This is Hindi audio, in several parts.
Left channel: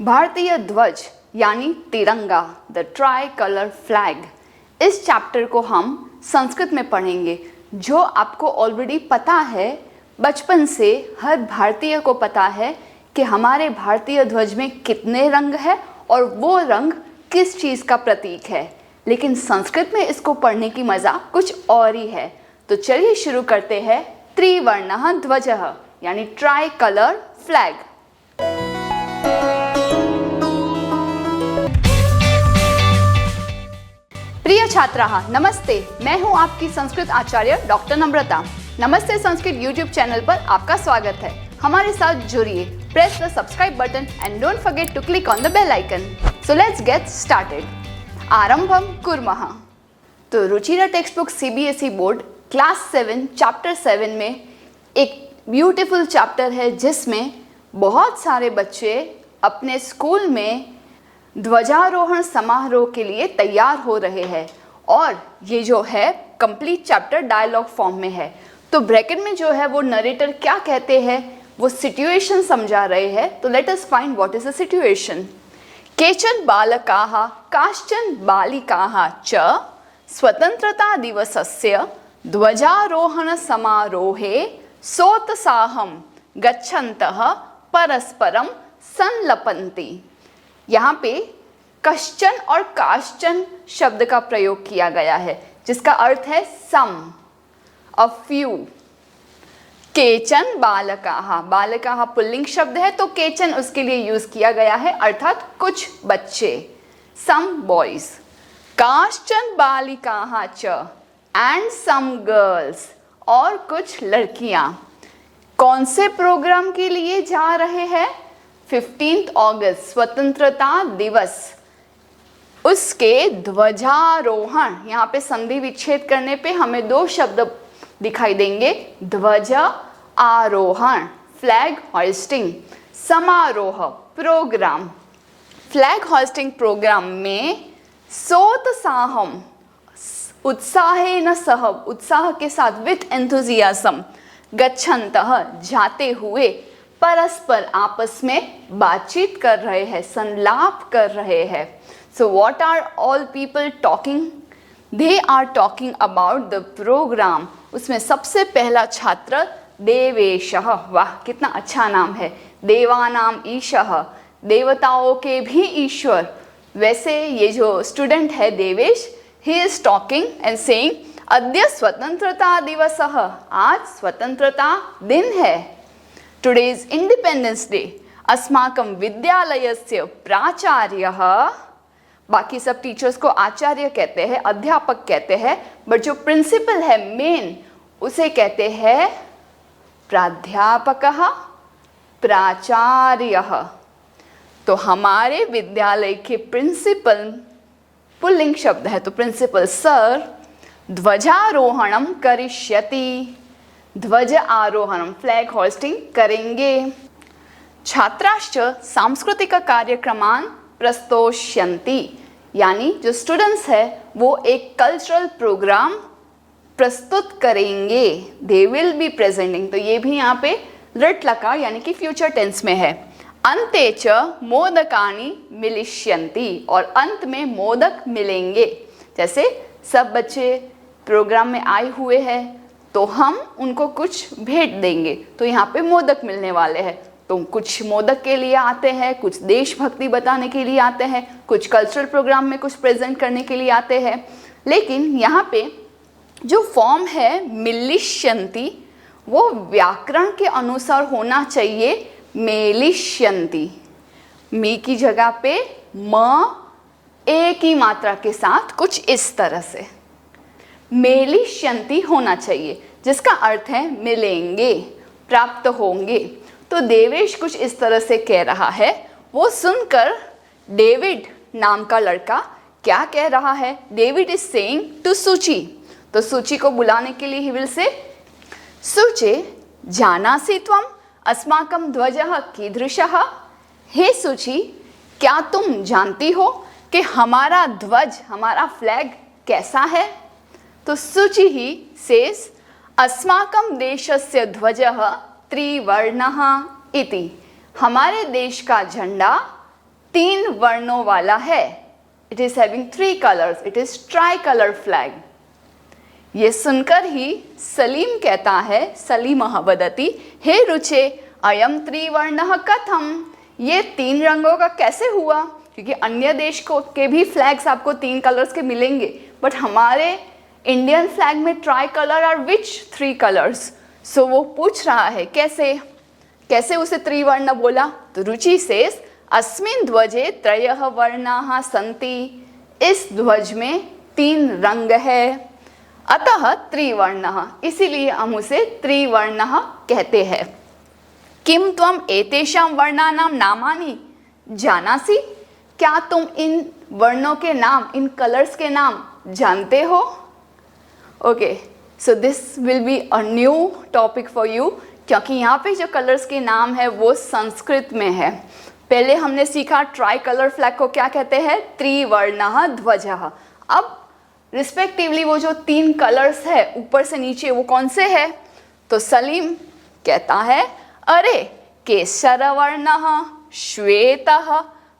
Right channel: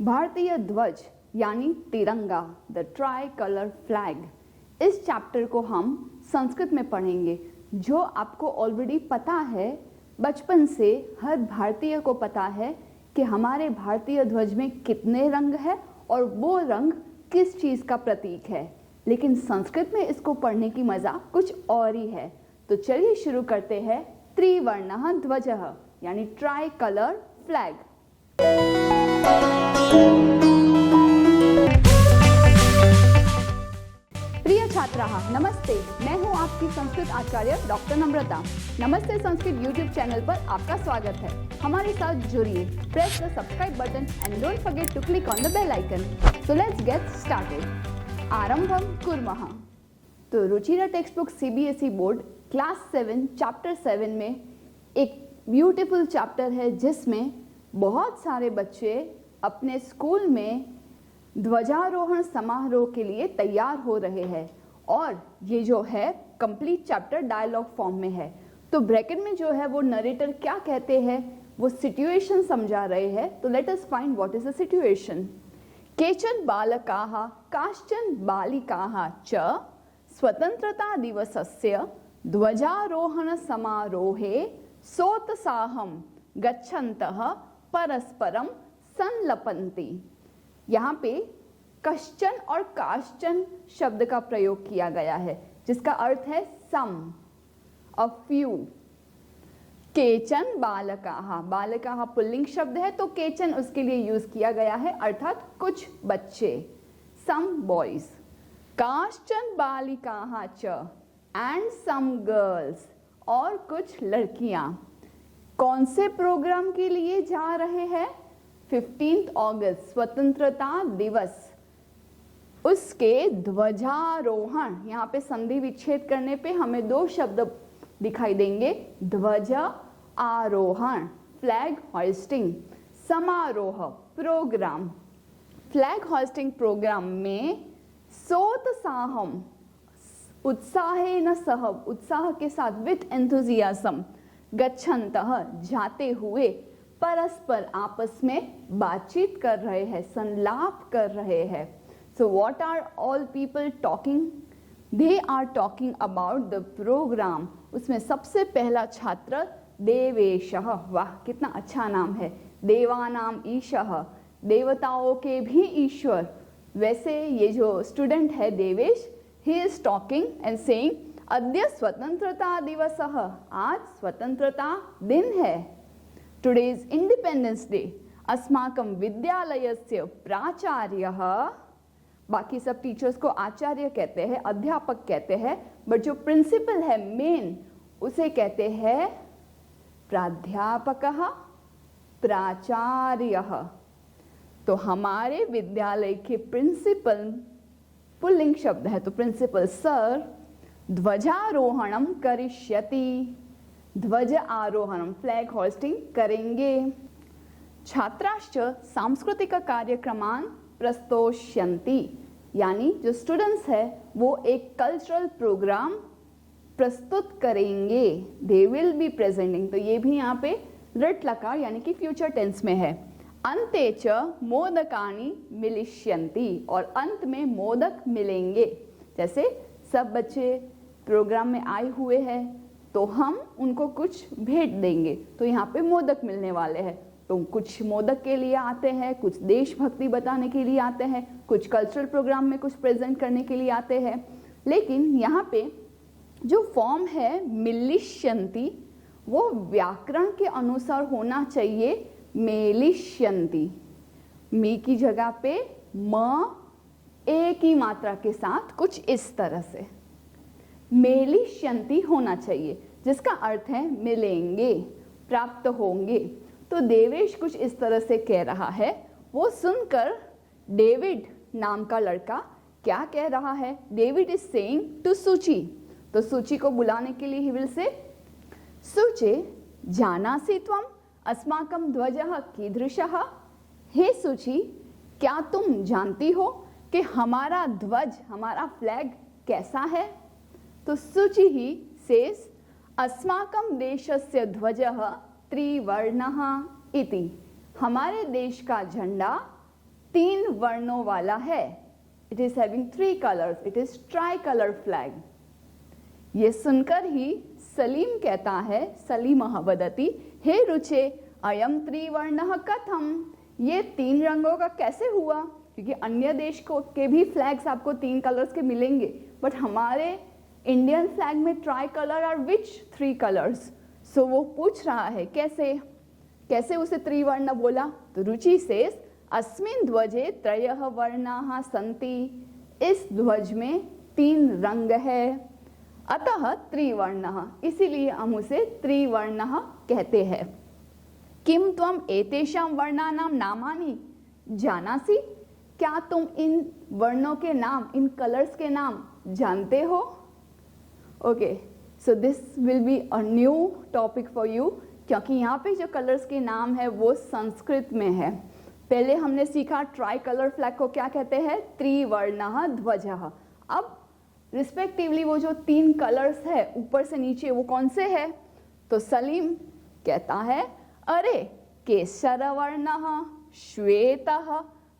भारतीय ध्वज यानी तिरंगा, द ट्राई कलर फ्लैग, इस चैप्टर को हम संस्कृत में पढ़ेंगे। जो आपको ऑलरेडी पता है, बचपन से हर भारतीय को पता है कि हमारे भारतीय ध्वज में कितने रंग है और वो रंग किस चीज़ का प्रतीक है, लेकिन संस्कृत में इसको पढ़ने की मज़ा कुछ और ही है। तो चलिए शुरू करते हैं। त्रिवर्णः ध्वजः यानी ट्राई कलर फ्लैग। प्रिय छात्राः, नमस्ते। मैं हूं आपकी संस्कृत आचार्य डॉक्टर नम्रता। नमस्ते संस्कृत यूट्यूब चैनल पर आपका स्वागत है। हमारे साथ जुड़िए। Press the subscribe button and don't forget to click on the bell icon. So let's get started. आरंभम कुर्मः। तो Ruchira text book CBSE board class 7 chapter 7 में एक ब्यूटीफुल चैप्टर है जिसमें बहुत सारे बच्चे अपने स्कूल में ध्वजारोहण समारोह के लिए तैयार हो रहे हैं और ये जो है कंप्लीट चैप्टर डायलॉग फॉर्म में है। तो ब्रैकेट में जो है वो नरेटर क्या कहते हैं, वो सिचुएशन समझा रहे हैं। तो let us find what is the situation. केचन बालकाः काश्चन बालिकाः च स्वतंत्रता दिवसस्य ध्वजारोहण समारोहे सोत्साहं गच्छन्तः परस्परं संलपन्ति। यहाँ पे कश्चन और काश्चन शब्द का प्रयोग किया गया है जिसका अर्थ है सम, अ फ्यू। केचन बालकाः, बालकाः पुल्लिंग शब्द है तो केचन उसके लिए यूज किया गया है, अर्थात कुछ बच्चे, सम बॉयज। काश्चन बालिकाः च एंड सम गर्ल्स, और कुछ लड़कियां। कौन से प्रोग्राम के लिए जा रहे हैं? 15 अगस्त स्वतंत्रता दिवस, उसके ध्वजारोहण। यहाँ पे संधि विच्छेद करने पे हमें दो शब्द दिखाई देंगे, ध्वज आरोहण, फ्लैग होइस्टिंग, समारोह प्रोग्राम। फ्लैग होइस्टिंग प्रोग्राम में सोत्साहम, उत्साहेन सह, उत्साह के साथ, विथ एंथुजियाज्म, गच्छन्तः जाते हुए, परस्पर आपस में बातचीत कर रहे हैं, संलाप कर रहे हैं। So what are all people talking? They are talking about the program. उसमें सबसे पहला छात्र देवेशः, वाह कितना अच्छा नाम है, देवानाम ईशः, देवताओं के भी ईश्वर। वैसे ये जो स्टूडेंट है Devesh, he is talking and saying अद्य स्वतंत्रता दिवसः, आज स्वतंत्रता दिन है। Today is Independence Day. अस्माकं विद्यालयस्य प्राचार्यः, बाकी सब टीचर्स को आचार्य कहते हैं, अध्यापक कहते हैं, बट जो प्रिंसिपल है मेन, उसे कहते हैं प्राध्यापकः, प्राचार्यः। तो हमारे विद्यालय के प्रिंसिपल पुल्लिंग शब्द है तो प्रिंसिपल सर ध्वजारोहणम करिष्यति, ध्वज आरोहणम, फ्लैग होस्टिंग करेंगे। छात्राश्च सांस्कृतिक कार्यक्रमान प्रस्तोष्यन्ति, यानी जो स्टूडेंट्स है वो एक कल्चरल प्रोग्राम प्रस्तुत करेंगे। दे विल बी प्रेजेंटिंग, तो ये भी यहाँ पे लृट लकार यानी कि फ्यूचर टेंस में है। अन्ते च मोदकानि मिलिष्यन्ति, और अंत में मोदक मिलेंगे। जैसे सब बच्चे प्रोग्राम में आए हुए हैं तो हम उनको कुछ भेंट देंगे, तो यहाँ पे मोदक मिलने वाले हैं। तो कुछ मोदक के लिए आते हैं, कुछ देशभक्ति बताने के लिए आते हैं, कुछ कल्चरल प्रोग्राम में कुछ प्रेजेंट करने के लिए आते हैं। लेकिन यहाँ पे जो फॉर्म है मिलिष्यन्ति, वो व्याकरण के अनुसार होना चाहिए मेलिष्यन्ति। मी की जगह पे म ए की मात्रा के साथ कुछ इस तरह से मेलिष्यन्ति होना चाहिए, जिसका अर्थ है मिलेंगे, प्राप्त होंगे। तो देवेश कुछ इस तरह से कह रहा है। वो सुनकर डेविड नाम का लड़का क्या कह रहा है? डेविड इज सेइंग टू सूची, तो सूची को बुलाने के लिए ही विल से, सूचे जानासि त्वम अस्माकं ध्वजः कीदृशः। हे सूची, क्या तुम जानती हो कि हमारा ध्वज, हमारा फ्लैग कैसा है? तो सूची ही सेज अस्माकं देशस्य ध्वजः त्रिवर्णः इति, हमारे देश का झंडा 3 वर्णों वाला है। It is having 3 colours, it is try colour flag. ये सुनकर ही सलीम कहता है, सलीमः वदति, हे रुचे अयम त्रिवर्णः कथम, ये 3 रंगों का कैसे हुआ? क्योंकि अन्य देश को के भी फ्लैग्स आपको 3 कलर्स के मिलेंगे, बट हमारे इंडियन फ्लैग में ट्राई कलर और विच 3 कलर्स? सो वो पूछ रहा है कैसे उसे त्रिवर्ण बोला? तो रुचि सेज अस्मिन् ध्वजे त्रयः वर्णाः सन्ति, इस ध्वज में 3 रंग है, अतः त्रिवर्णः, इसीलिए हम उसे त्रिवर्णः कहते हैं। किम त्वम एतेषां वर्णानां नामानि जानासि, क्या तुम इन वर्णों के नाम, इन कलर्स के नाम जानते हो? Okay, so this will be a new topic for you, क्योंकि यहाँ पे जो कलर्स के नाम है वो संस्कृत में है। पहले हमने सीखा ट्राई कलर फ्लैग को क्या कहते हैं, त्रिवर्णः ध्वजः। अब रिस्पेक्टिवली वो जो 3 कलर्स है ऊपर से नीचे वो कौन से है? तो सलीम कहता है, अरे केसरवर्णः श्वेतः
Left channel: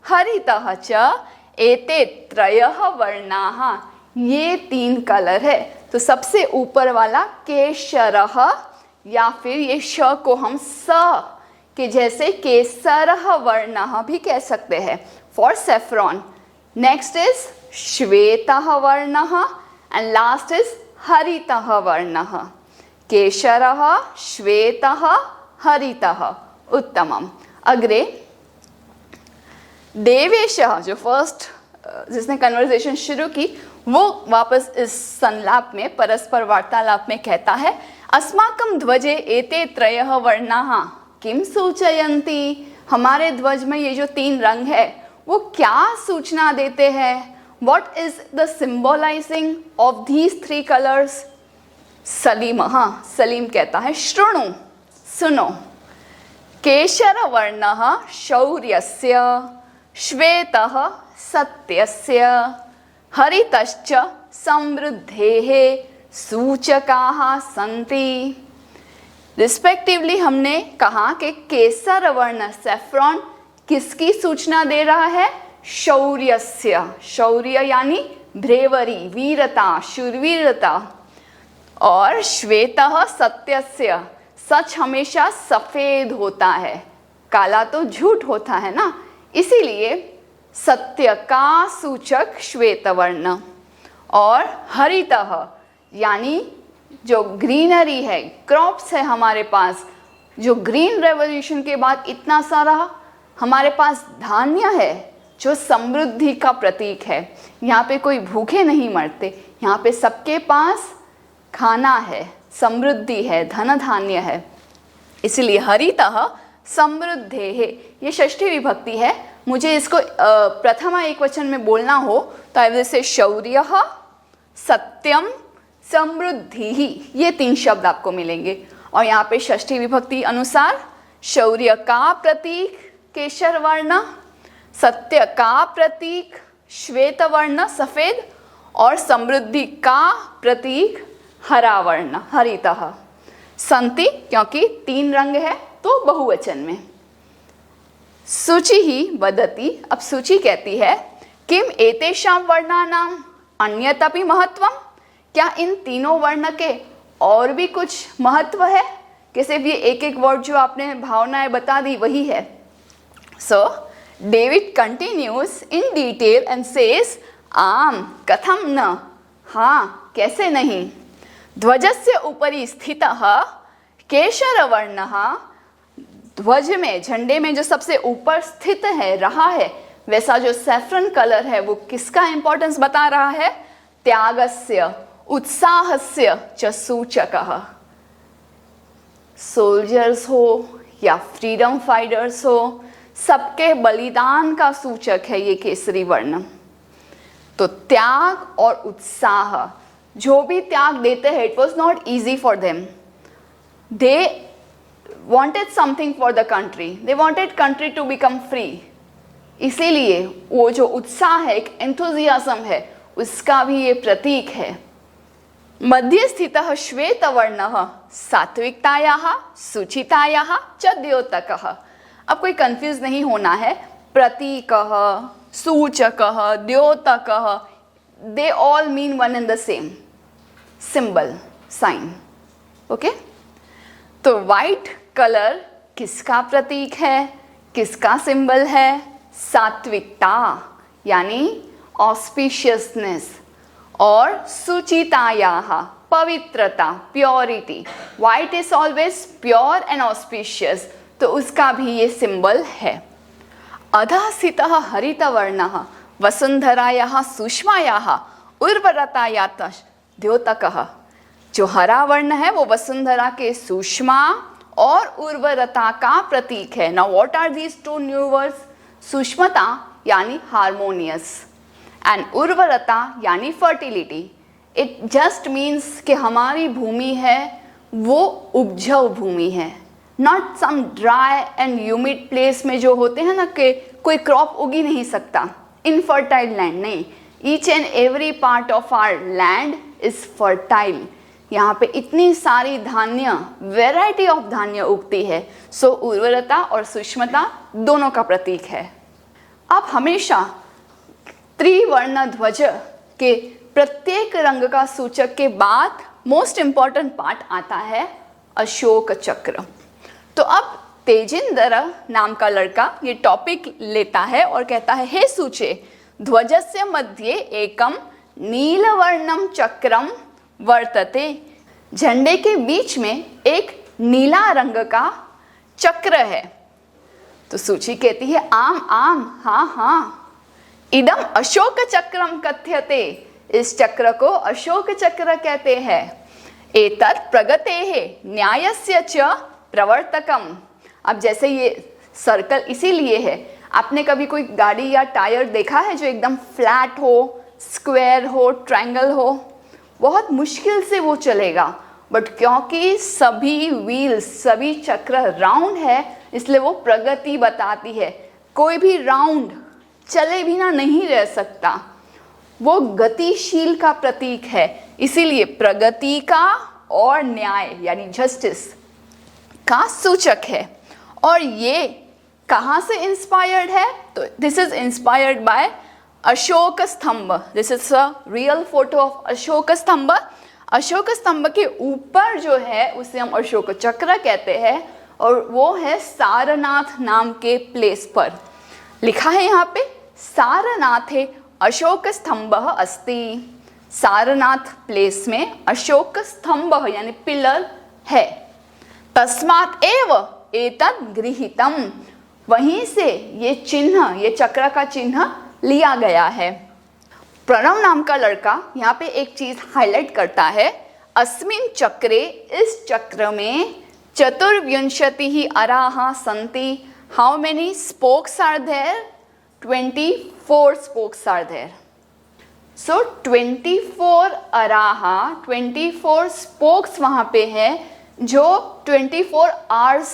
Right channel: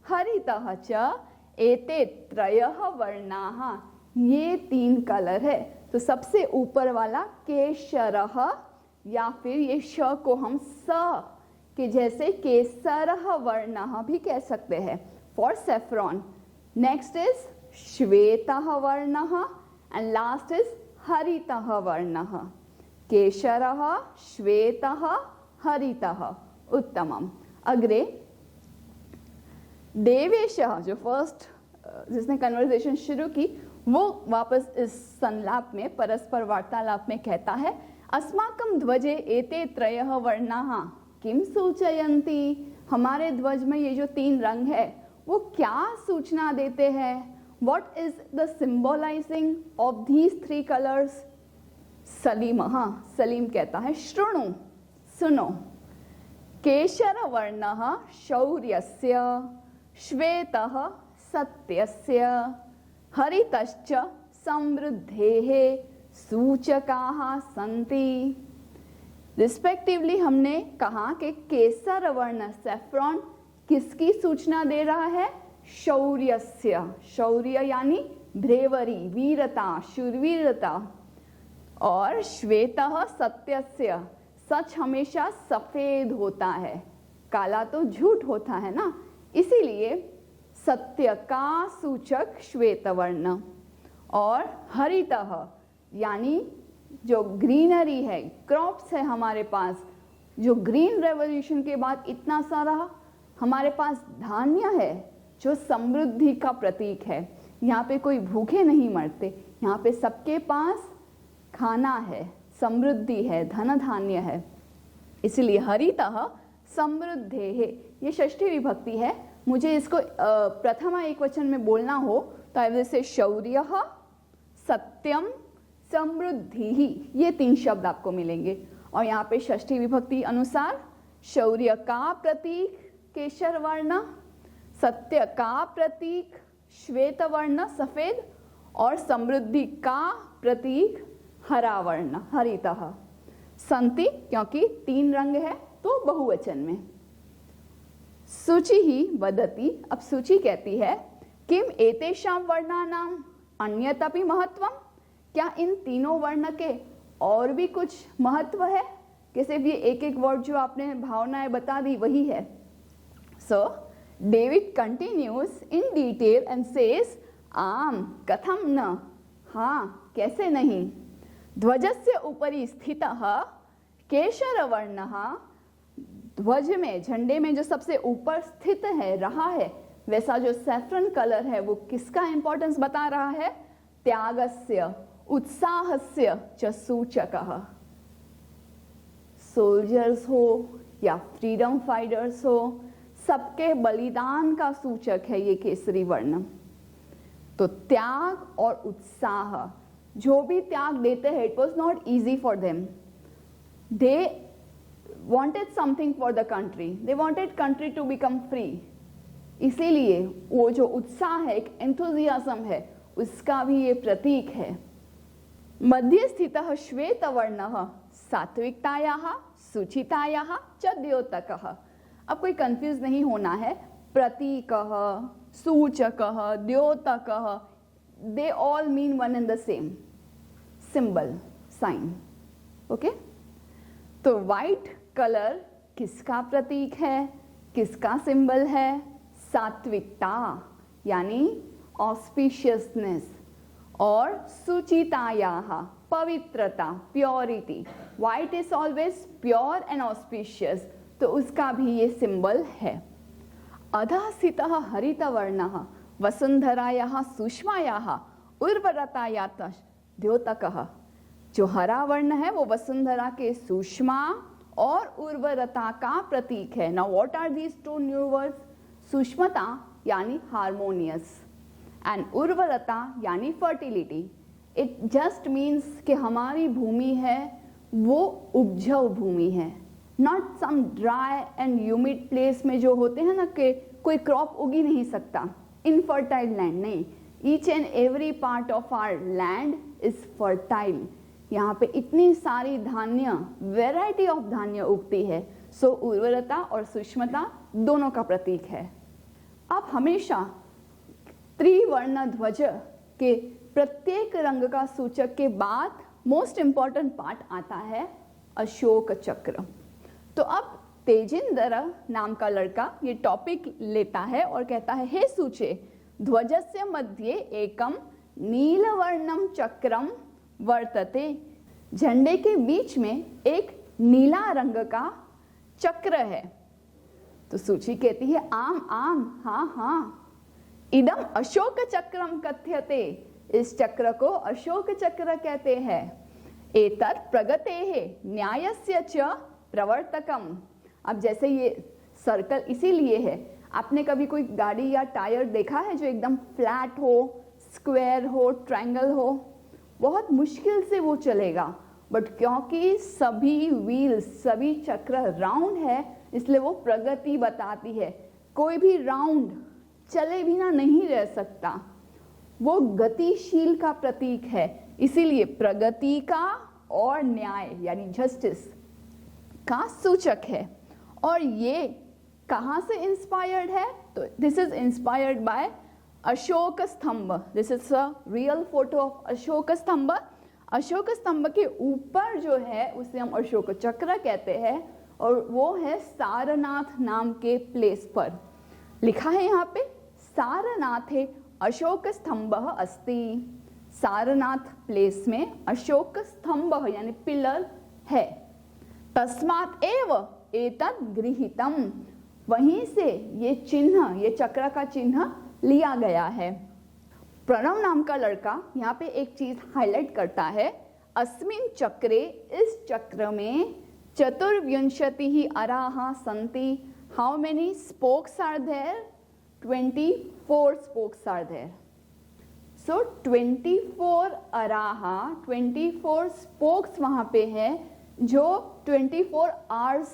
हरितः च एते त्रयः वर्णाः, ये 3 कलर है। तो सबसे ऊपर वाला केशरः, या फिर ये श को हम स के जैसे केसरः वर्णः भी कह सकते हैं फॉर सेफ्रॉन। नेक्स्ट इज श्वेतः वर्णः एंड लास्ट इज हरितः वर्णः। केशरः श्वेतः हरितः, उत्तमम। अग्रे देवेशः, जो फर्स्ट जिसने कन्वर्सेशन शुरू की, वो वापस इस संलाप में, परस्पर वार्तालाप में कहता है, अस्माकं ध्वजे एते त्रयः वर्णाः किम सूचयन्ति, हमारे ध्वज में ये जो 3 रंग है वो क्या सूचना देते हैं? What is the symbolizing of these 3 colors? Salim, हाँ, सलीम कहता है, शृणु, सुनो, केशर वर्णः शौर्यस्य, श्वेतः सत्यस्य, हरितश्च समृद्धेः सूचकाः सन्ति। रिस्पेक्टिवली हमने कहा कि केसर वर्ण सेफ्रॉन किसकी सूचना दे रहा है? शौर्यस्य, शौर्य यानी ब्रेवरी, वीरता, शूरवीरता। और श्वेतः सत्यस्य, सच हमेशा सफेद होता है, काला तो झूठ होता है ना, इसीलिए सत्य का सूचक श्वेत वर्ण। और हरितः यानी जो ग्रीनरी है, क्रॉप्स है हमारे पास, जो ग्रीन रेवोल्यूशन के बाद इतना सारा हमारे पास धान्य है जो समृद्धि का प्रतीक है। यहाँ पे कोई भूखे नहीं मरते, यहाँ पे सबके पास खाना है, समृद्धि है, धन धान्य है, इसलिए हरितः समृद्धेः, ये षष्ठी विभक्ति है। मुझे इसको प्रथमा एकवचन में बोलना हो तो आई विल से शौर्यः, सत्यम, समृद्धिः, ये 3 शब्द आपको मिलेंगे। और यहाँ पे षष्ठी विभक्ति अनुसार शौर्य का प्रतीक केशर वर्ण, सत्य का प्रतीक श्वेत वर्ण सफेद, और समृद्धि का प्रतीक हरा वर्ण हरितः। संति क्योंकि 3 रंग है तो बहुवचन में। सूचि ही वदति, अब सूचि कहती है, किम एतेषां वर्णानां अन्यतपि महत्वम, क्या इन 3 वर्ण के और भी कुछ महत्व है कि सिर्फ ये एक वर्ड जो आपने भावनाएं बता दी वही है? So David continues in detail and says, आम कथम न, हाँ कैसे नहीं, ध्वजस्य उपरि स्थितः केशरवर्णः, ध्वज में, झंडे में जो सबसे ऊपर स्थित है, रहा है, वैसा जो सैफरन कलर है वो किसका इंपॉर्टेंस बता रहा है? त्यागस्य, उत्साहस्य च सूचकः। सोल्जर्स हो या फ्रीडम फाइटर्स हो, सबके बलिदान का सूचक है ये केसरी वर्ण। तो त्याग और उत्साह, जो भी त्याग देते हैं, it was not easy for them, they wanted something for the country, they wanted country to become free, इसीलिए वो जो उत्साह है, एक एंथुजियाज्म है, उसका भी ये प्रतीक है। मध्य स्थितः श्वेत वर्णः सात्विकतायाः, सुचितायाः च द्योतकः। अब कोई कंफ्यूज नहीं होना है, प्रतीकः, सूचकः, द्योतकः, they all mean one and the same, symbol, sign. Okay, तो वाइट कलर किसका प्रतीक है, किसका सिंबल है? सात्विकता यानी ऑस्पिशियसनेस, और सुचितायाः पवित्रता, purity. White is always pure and auspicious, तो उसका भी ये सिंबल है। अधः स्थितः हरितवर्णः वसुंधरायाः सुषमायाः उर्वरतायाः द्योतकः। जो हरा वर्ण है वो वसुंधरा के सुषमा और उर्वरता का प्रतीक है। Now what are these two new words? सुषमता यानी हार्मोनियस एंड उर्वरता यानी फर्टिलिटी। इट जस्ट मीन्स कि हमारी भूमि है वो उपजाऊ भूमि है, not some dry and humid place में जो होते हैं ना कि कोई क्रॉप उग ही नहीं सकता, इनफर्टाइल लैंड नहीं। Each and every part of our land is fertile. यहाँ पे इतनी सारी धान्य, वेराइटी ऑफ धान्य उगती है। सो उर्वरता और सूक्ष्मता दोनों का प्रतीक है। अब हमेशा त्रिवर्ण ध्वज के प्रत्येक रंग का सूचक के बाद मोस्ट इंपॉर्टेंट पार्ट आता है अशोक चक्र। तो अब तेजिंदर नाम का लड़का ये टॉपिक लेता है और कहता है, हे सूचे ध्वजस्य मध्ये एकम नीलवर्णम चक्रम वर्तते। झंडे के बीच में एक नीला रंग का चक्र है। तो सूची कहती है, आम आम, हाँ हाँ, इदम अशोक चक्रम कथ्यते। इस चक्र को अशोक चक्र कहते हैं। एतत् प्रगतेः न्यायस्य च प्रवर्तकम। अब जैसे ये सर्कल इसीलिए है, आपने कभी कोई गाड़ी या टायर देखा है जो एकदम फ्लैट हो, स्क्वायर हो, ट्रायंगल हो? बहुत मुश्किल से वो चलेगा, बट क्योंकि सभी व्हील्स, सभी चक्र राउंड है, इसलिए वो प्रगति बताती है। कोई भी राउंड चले बिना नहीं रह सकता, वो गतिशील का प्रतीक है। इसीलिए प्रगति का और न्याय यानी जस्टिस का सूचक है। और ये कहाँ से इंस्पायर्ड है? तो this is inspired by Ashok Stambh. This is a real photo of Ashok Stambh. Ashok स्तंभ के ऊपर जो है उसे हम अशोक चक्र कहते हैं, और वो है सारनाथ नाम के प्लेस पर। लिखा है यहाँ पे, सारनाथे अशोक स्तंभ अस्ति। सारनाथ प्लेस में अशोक स्तंभ यानी पिलर है। तस्मात् एव एतत् गृहीतम। वहीं से ये चिन्ह, ये चक्र का चिन्ह लिया गया है। प्रणव नाम का लड़का यहाँ पे एक चीज हाईलाइट करता है, अस्मिन् चक्रे, इस चक्र में चतुर्विंशतिः अराः सन्ति। How many spokes are there? 24 spokes are there. So 24 अराहा, 24 spokes वहाँ पे है जो 24 hours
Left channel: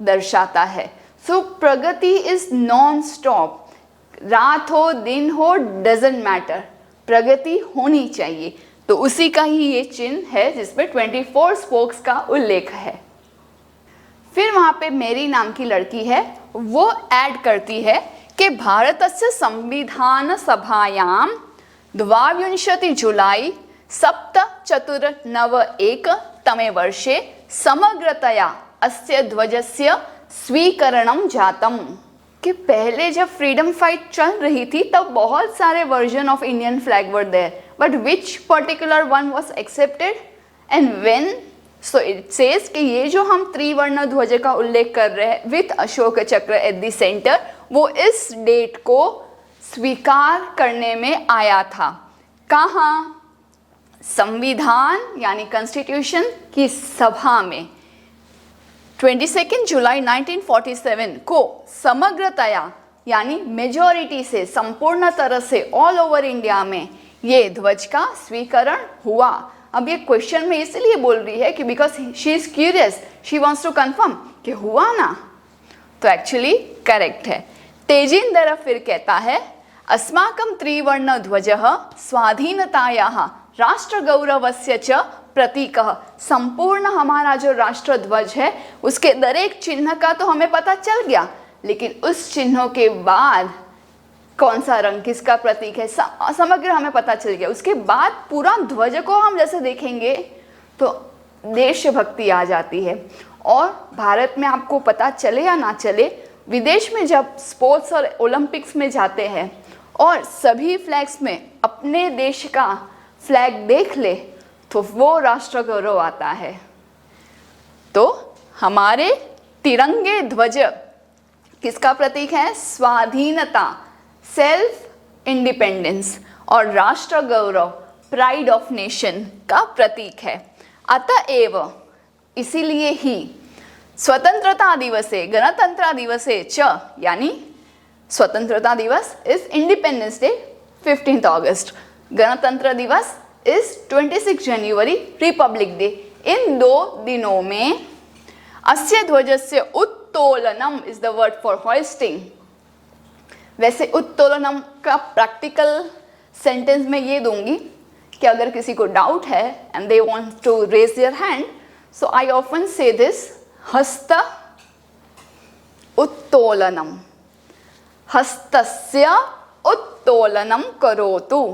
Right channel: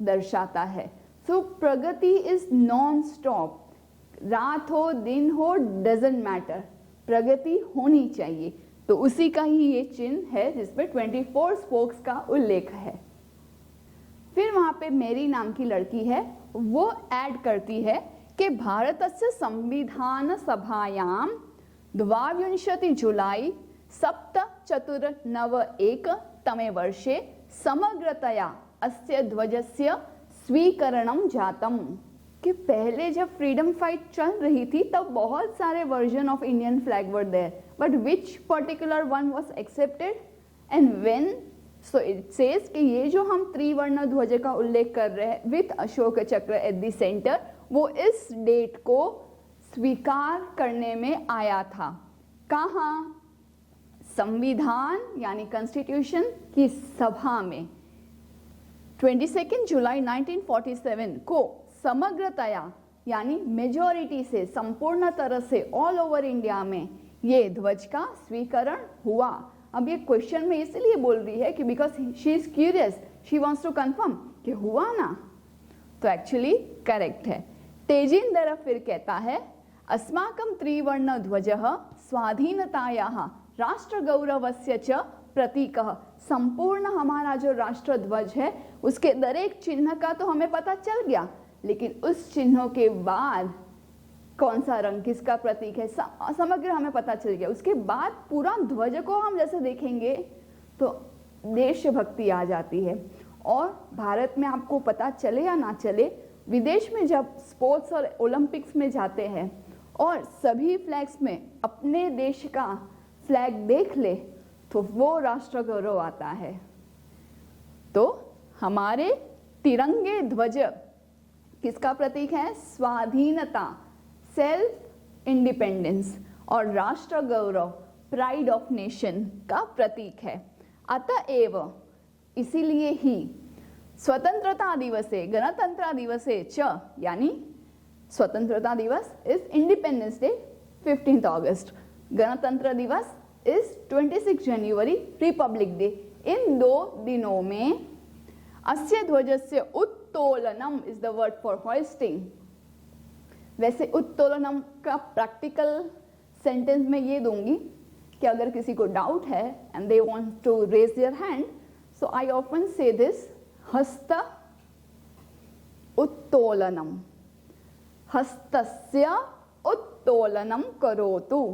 दर्शाता है। So प्रगति is non-stop, रात हो दिन हो doesn't matter, प्रगति होनी चाहिए। तो उसी का ही ये चिन्ह है जिसमें 24 spokes का उल्लेख है। फिर वहाँ पे मेरी नाम की लड़की है, वो ऐड करती है कि भारतस्य संविधान सभायां 22 जुलाई 1791 तमे वर्षे समग्रतया अस्य ध्वजस्य स्वीकरणं जातम। कि पहले जब फ्रीडम फाइट चल रही थी तब बहुत सारे version of Indian flag were there, but which particular one was accepted and when? So it says कि ये जो हम त्रिवर्ण ध्वज का उल्लेख कर रहे हैं विथ अशोक चक्र एट द सेंटर, वो इस डेट को स्वीकार करने में आया था। कहाँ? संविधान यानी कॉन्स्टिट्यूशन की सभा में 22 जुलाई 1947 को समग्रतया यानी मेजॉरिटी से, संपूर्ण तरह से ऑल ओवर इंडिया में ये ध्वज का स्वीकरण हुआ। अब ये क्वेश्चन में इसलिए बोल रही है कि because she is curious, she wants to confirm कि हुआ ना, तो एक्चुअली करेक्ट है। तेजिंदर फिर कहता है, अस्माकं त्रिवर्ण ध्वजः स्वाधीनतायाः राष्ट्रगौरवस्य च प्रतीकः। संपूर्ण हमारा जो राष्ट्र ध्वज है उसके दरेक चिन्ह का तो हमें पता चल गया, लेकिन उस चिन्हों के बाद कौन सा रंग किसका प्रतीक है समग्र हमें पता चल गया। उसके बाद पूरा ध्वज को हम जैसे देखेंगे तो देशभक्ति आ जाती है। और भारत में आपको पता चले या ना चले, विदेश में जब स्पोर्ट्स और ओलंपिक्स में जाते हैं और सभी फ्लैग्स में अपने देश का फ्लैग देख ले तो वो राष्ट्र गौरव आता है। तो हमारे तिरंगे ध्वज किसका प्रतीक है? स्वाधीनता, सेल्फ इंडिपेंडेंस, और राष्ट्र गौरव, प्राइड ऑफ नेशन का प्रतीक है। अतएव इसीलिए ही स्वतंत्रता दिवसे गणतंत्र दिवसे च, यानी स्वतंत्रता दिवस इज इंडिपेंडेंस डे 15 अगस्त, Gantantra Diwas is 26 January Republic Day. इन 2 दिनों में अस्य ध्वजस्य उत्तोलनम is the word for hoisting. वैसे उत्तोलनम का प्रैक्टिकल सेंटेंस में ये दूंगी कि अगर किसी को डाउट है and they want to raise their hand, so I often say this, हस्त उत्तोलनम, हस्तस्य उत्तोलनम करोतु।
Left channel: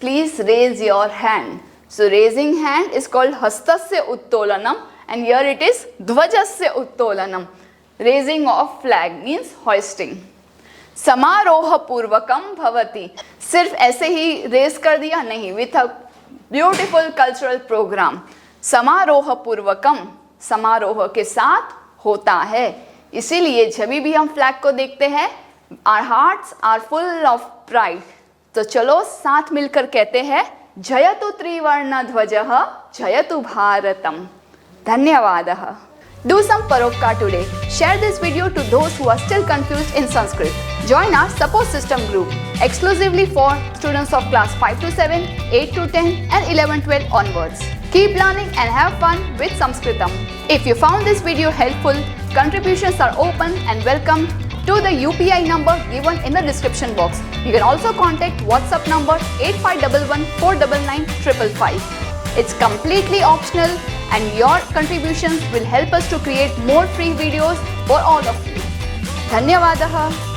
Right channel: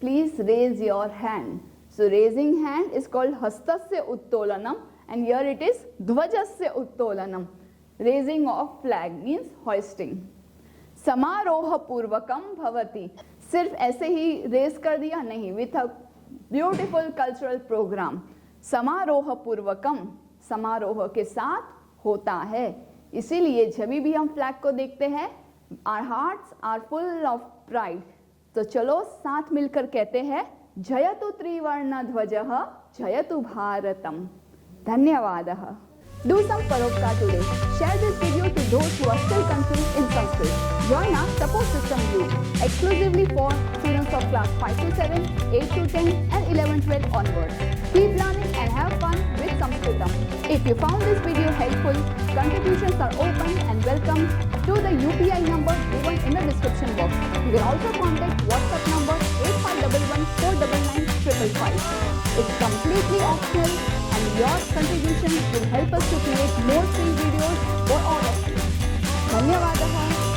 Please raise your hand. So raising hand is called hastasya uttolanam, and here it is dhvajasya uttolanam. Raising of flag means hoisting. समारोह पूर्वकम भवति, सिर्फ ऐसे ही रेस कर दिया नहीं, with a beautiful cultural program. समारोह पूर्वकम, समारोह के साथ होता है। इसीलिए जब भी हम फ्लैग को देखते हैं, our hearts are full of pride. तो चलो साथ मिलकर कहते हैं, जयतु त्रिवर्ण ध्वजः, जयतु भारतम। धन्यवादः। Do some paropkar today. Share this video to those who are still confused in Sanskrit. Join our support system group exclusively for students of class 5 to 7, 8 to 10 and 11-12 onwards. Keep learning and have fun with Sanskritam. If you found this video helpful, contributions are open and welcome to the UPI number given in the description box. You can also contact WhatsApp number 8511 499 555. It's completely optional and your contributions will help us to create more free videos for all of you. धन्यवादः।